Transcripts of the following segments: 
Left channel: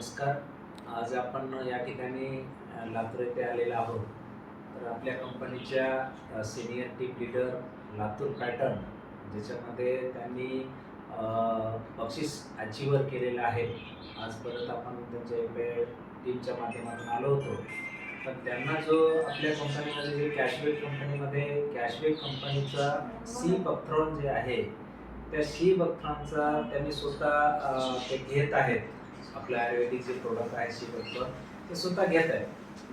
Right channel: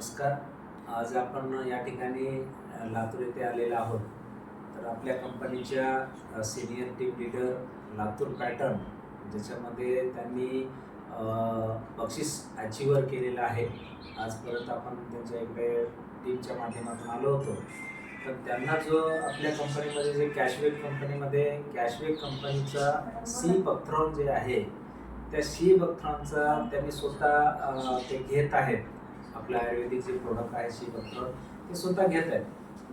नमस्कार. आज आपण या ठिकाणी लातूर येथे आलेलो आहोत. तर आपल्या कंपनीच्या senior team leader Latur pattern ज्याच्यामध्ये त्यांनी बक्षीस अचीवर केलेलं आहे. आज परत आपण त्यांच्या इकडे टीमच्या माध्यमातून आलो होतो. पण त्यांना जो आपल्या कंपनीमध्ये जे कॅशबॅक कंपनीचा सी बकथ्रॉन जे आहे, त्या सी बकथ्रॉनचा त्यांनी स्वतः ते घेत आहेत. आपलं आयुर्वेदिक जे प्रोडक्ट आहे सी बकथ्रॉन ते स्वतः घेत आहेत.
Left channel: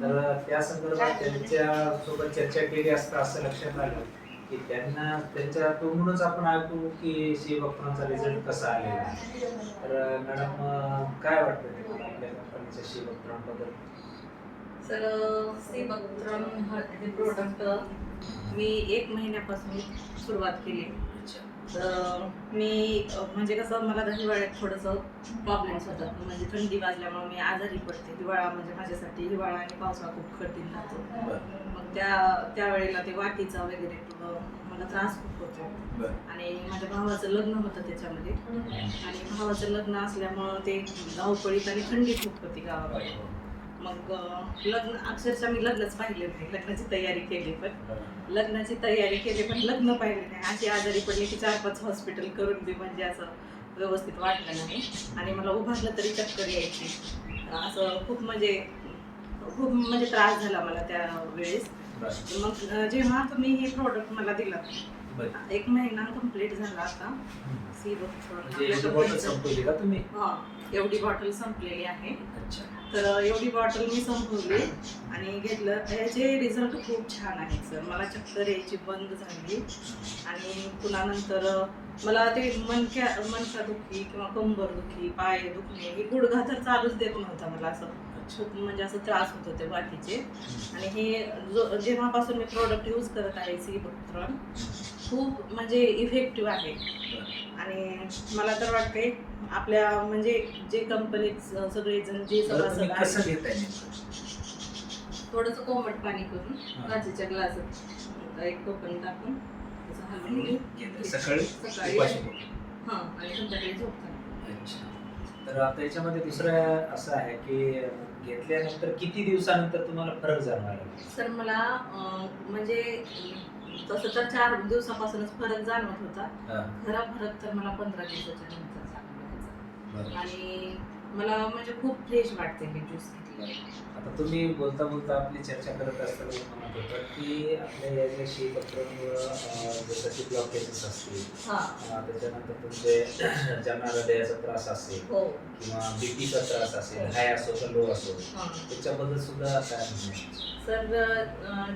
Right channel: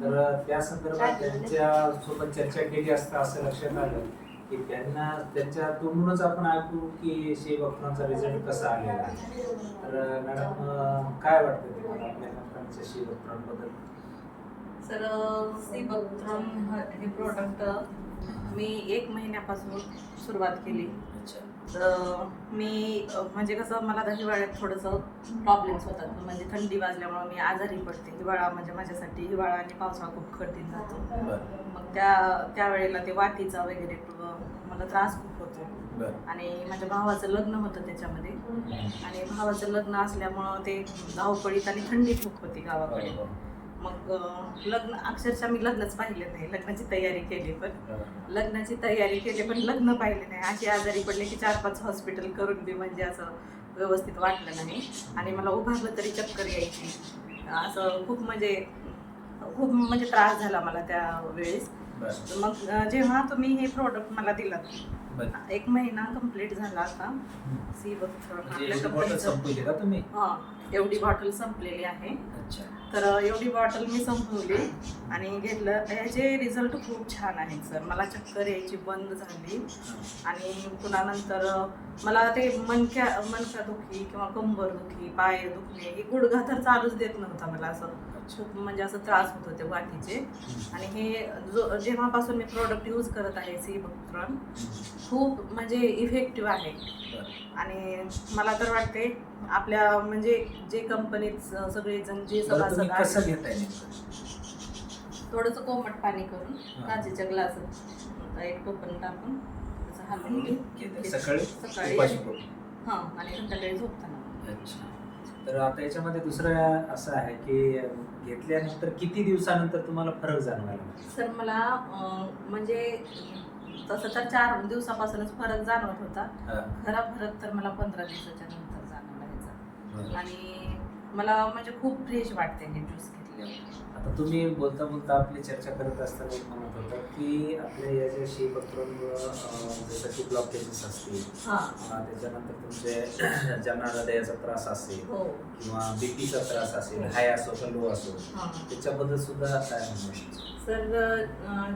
तर त्या संदर्भात त्यांच्यासोबत चर्चा केली असता असं लक्षात आलं की त्यांना त्यांच्या तोंडूनच आपण ऐकू की सी बकथ्रॉनचा रिझल्ट कसा आलेला आहे. तर मॅडम, काय वाटतं तुम्हाला आपल्या कंपनीच्या सी बकथ्रॉन बद्दल? सर, सी बकथ्रॉन हे प्रोडक्ट मी 1 महिन्यापासून सुरुवात केली. अच्छा. तर मी म्हणजे कसं मला तर हिवाळ्यात थोडंसं प्रॉब्लेम्स होतात. म्हणजे थंडी वाजल्यामुळे मी आजारी पडते. हिवाळा म्हणजे माझ्यासाठी हिवाळा आणि पावसाळा खूप कठीण जातो. बरं. मग त्यावेळेला ते वाटीचा वगैरे मला त्रास खूप होतो. बरं. आणि माझ्या भावाचं लग्न होतं त्याच्यामध्ये. आणि भावाचं लग्न असल्यामुळं ते धावपळीत आणि थंडी खूप होती गावाकडे. मग अक्षरशः मी लग्नच पाहिले नाही. लग्नाची तयारी केली पण लग्न पाहिले नाही. अशी आजारी पडले की 4-5 हॉस्पिटल करून बी म्हणजे असं व्यवस्थित वाटलं नाही. आणि मला उभारलं तरी चक्कर यायची. असं खूप म्हणजे त्रास झाला मला त्यावेळेस. मग जेव्हा तुम्ही हे प्रोडक्ट मला दिलं, 1 महिना कंप्लीट झाला आता. सी बॉटल संपवली का तुम्ही? एवढी बॉटल संपलेली आहे. अच्छा. तर एवढी बॉटल मी संपवली आणि घेतलं. ह्याचे रिझल्ट खूप छान आहेत सर. मला चक्कर यायची बंद झाली. आणि पुन्हा नंतर मला ते मणकादुखी किंवा कंबर दुखी, पाय दुखणे, हे गुडघा तर चालूच देत नव्हता मला. असं खूप म्हणजे असं त्रास होत होते वाटीचे. आणि हे जेव्हापासून मी प्रोडक्ट यूज करत आहे सी बकथ्रॉन, खूप म्हणजे इफेक्टिव्ह आहे. आणि मला तर वाटते आपल्या म्हणजे जे कंपनीत सगळेजण जे सभासद आहेत, थोडंसं कोमट पाणी करून काचेच्या ग्लासात 1 कोकण टाकून त्याचं हलवून सकाळी आणि संध्याकाळी झोपताना. अच्छा. तर आता याच्यामध्ये दुसरं असं आहे की घेतल्यानंतर किती दिवसानंतर तुम्हाला फरक जाणवायला? सर, मला म्हणजे तसं तर 4 दिवसापासूनच फरक जाणवत होता. खरा फरक तर मला 15 दिवसाच्या नंतर जाणवायचा. आणि मला म्हणजे खूप फ्रेश वाटते हे ज्यूस घेतल्यावर. आता तुम्ही बोलता बोलता आपली चर्चा करत असताना म्हणत होता की आपल्या या ज्या सी बकथ्रॉनमुळं जसं की ब्लॉकेजेस असतील, त्याच्यानंतर तुमचे ज्यांना हृदयाचा त्रास असेल किंवा बीपीचा त्रास असेल, हाय असो का लो असो, त्याच्याबद्दल सुद्धा काय म्हणतो? सर,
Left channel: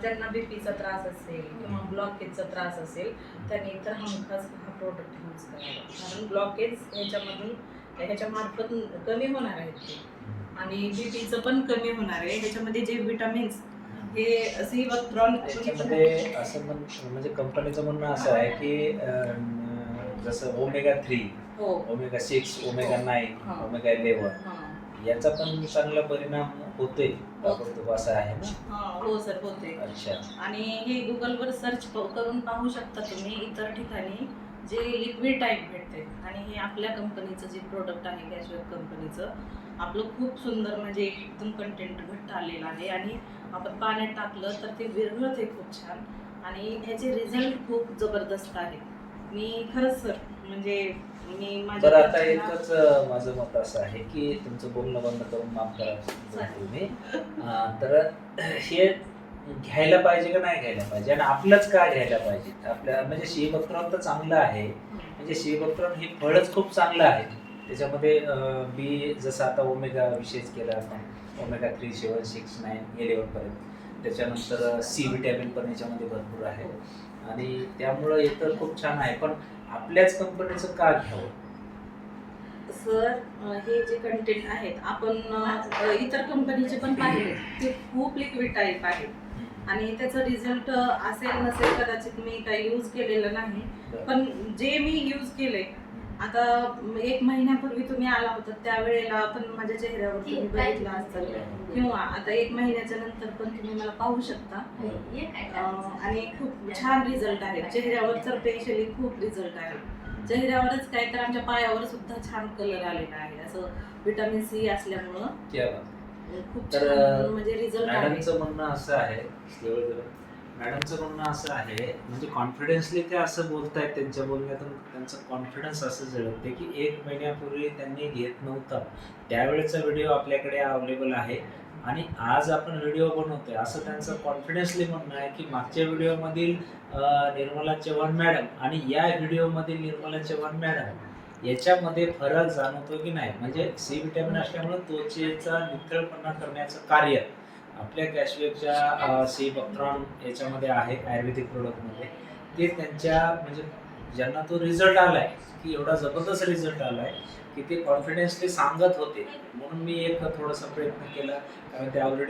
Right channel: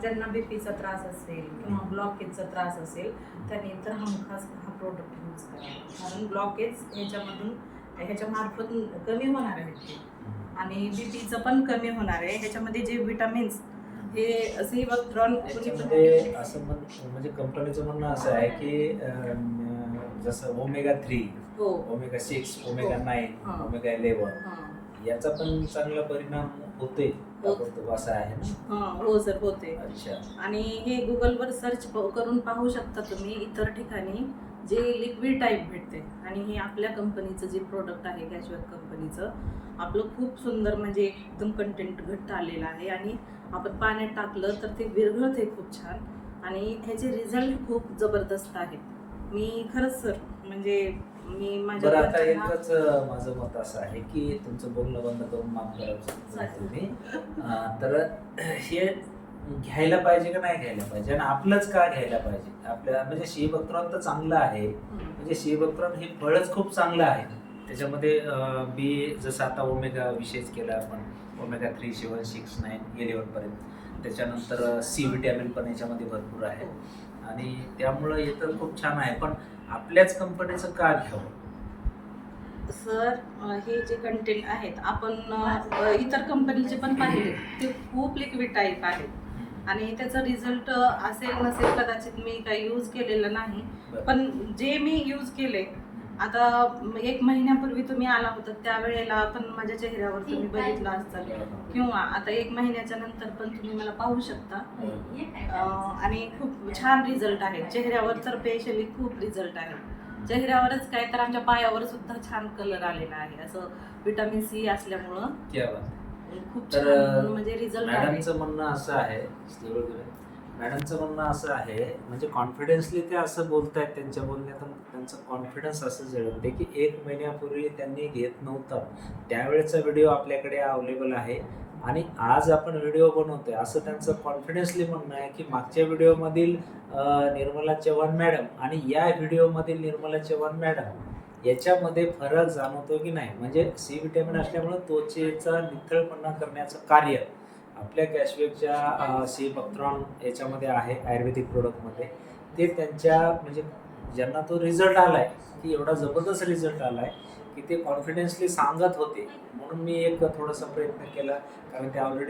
ज्यांना बीपीचा त्रास असेल किंवा ब्लॉकेजचा त्रास असेल त्यांनी तर हमखास हा प्रोडक्ट यूज करावा. कारण ब्लॉकेज ह्याच्या मार्फत कमी होणार आहेत ते. आणि बीपीचं पण कमी होणार आहे. ह्याच्यामध्ये जे विटामिन्स हे सी बकथ्रॉन असं म्हणजे कंपनीचं म्हणणं असं आहे की जसं Omega-3, Omega-6, Omega-9, Omega-11 याचा पण चांगला परिणाम होतोय असं आहे ना? हो सर, होते. अच्छा. आणि हे गुगलवर सर्च करून पाहू शकता तुम्ही. इतर ठिकाणी जे लिक्विड टाईप भेटते आणि हे आपल्या कंपनीचं जे प्रोडक्ट आहे कॅशबॅक कंपनीचं, आपलं खूप सुंदर म्हणजे एकदम कंटेंट घट्ट आलेलं आहे. आणि आपण पाण्यात टाकलं तर ते विरघळते खूप छान. आणि ह्याचे रिझल्ट खूप जबरदस्त आहेत. मी खरंच सर म्हणजे बरं, आता एकच माझं मत असं आहे की तुमचं बोलणं बंद करून माफ करा तुम्ही. तर हे घ्यायला पाहिजे का नाही घ्यायला पाहिजे आणि आपलंच का घ्यायला पाहिजे? आपल्या म्हणजे सी बकथ्रॉन तर चांगलं आहे. म्हणजे सी बकथ्रॉन हे फळच खूप चांगलं आहे. त्याच्यामध्ये बी जसं आता ओमेगा विषयच केला आपण, Omega-3, 7, 6, 9, 11 पर्यंत. त्याच्यानंतर सी विटॅमिन पण याच्यामध्ये भरपूर आहे. आणि त्यामुळं हे तर खूप छान आहे. पण आपल्याच कंपनीचं का घ्यावं? सर, हे जे कंटेंट आहेत आपण इतर कंपनीचे पण पाहिले, ते खूप लिक्विड टाईप आहे. आणि त्याचा रिझल्ट असेल नसेल कदाचित, मी काही यूज केलेलं नाही. पण जे मी यूज केले, आता 1 महिन्यापूर्वी तुम्ही आला होता त्यावेळेला पण माझ्या चेहऱ्यावर तुम्ही बघितलं असतं, किंवा आता 1 महिन्याच्या नंतर पण तुम्ही मला पाहू शकता. आणि खूप छान रिझल्ट आहे चेहऱ्यावर तर, स्पेशली खूप रिझल्ट आहे. चेहऱ्यावरच काय तर आमच्या पायावर सुद्धा छान कलर आलेला आहे, असं विटामिन सी असल्यामुळं क्या बात. खूप तर छान म्हणजे रिझल्ट आहे. मॅडमचं म्हणणं असं आहे, मॅडमचं म्हणणं असं आहे, म्हणजे कॉन्फिडन्सली ते असं बोलतायत, त्यांच्या बोलण्यातून त्यांचं कॉन्फिडन्स असं जळते की 1 महिन्यापूर्वी त्यांनी घेत नव्हतं, त्यावेळेचा व्हिडिओ आपल्याकडे अवेलेबल आहे आणि आज आपण व्हिडिओ बनवतोय असं त्यांचं कॉन्फिडन्सली म्हणणं आहे की मागच्या व्हिडिओमधील निर्मला चव्हाण मॅडम आणि या व्हिडिओमधील निर्मला चव्हाण मॅडम याच्यामध्ये फरक जाणवतो की नाही. म्हणजे सी विटॅमिन असल्यामुळे त्वचेचा नितळपणा करण्याचं कार्य आपल्या कॅशवेकच्या सी बक्ट्रॉन याच्यामध्ये आहे, आयुर्वेदिक प्रोडक्टमध्ये. ते त्यांच्या म्हणजे ज्यांना तो रिझल्ट आलाय की एवढा जबरदस्त रिझल्ट आलाय की ते कॉन्फिडेन्सली सांगत होते, म्हणून मी एक थोडासा प्रयत्न केला, कारण ते ऑलरेडी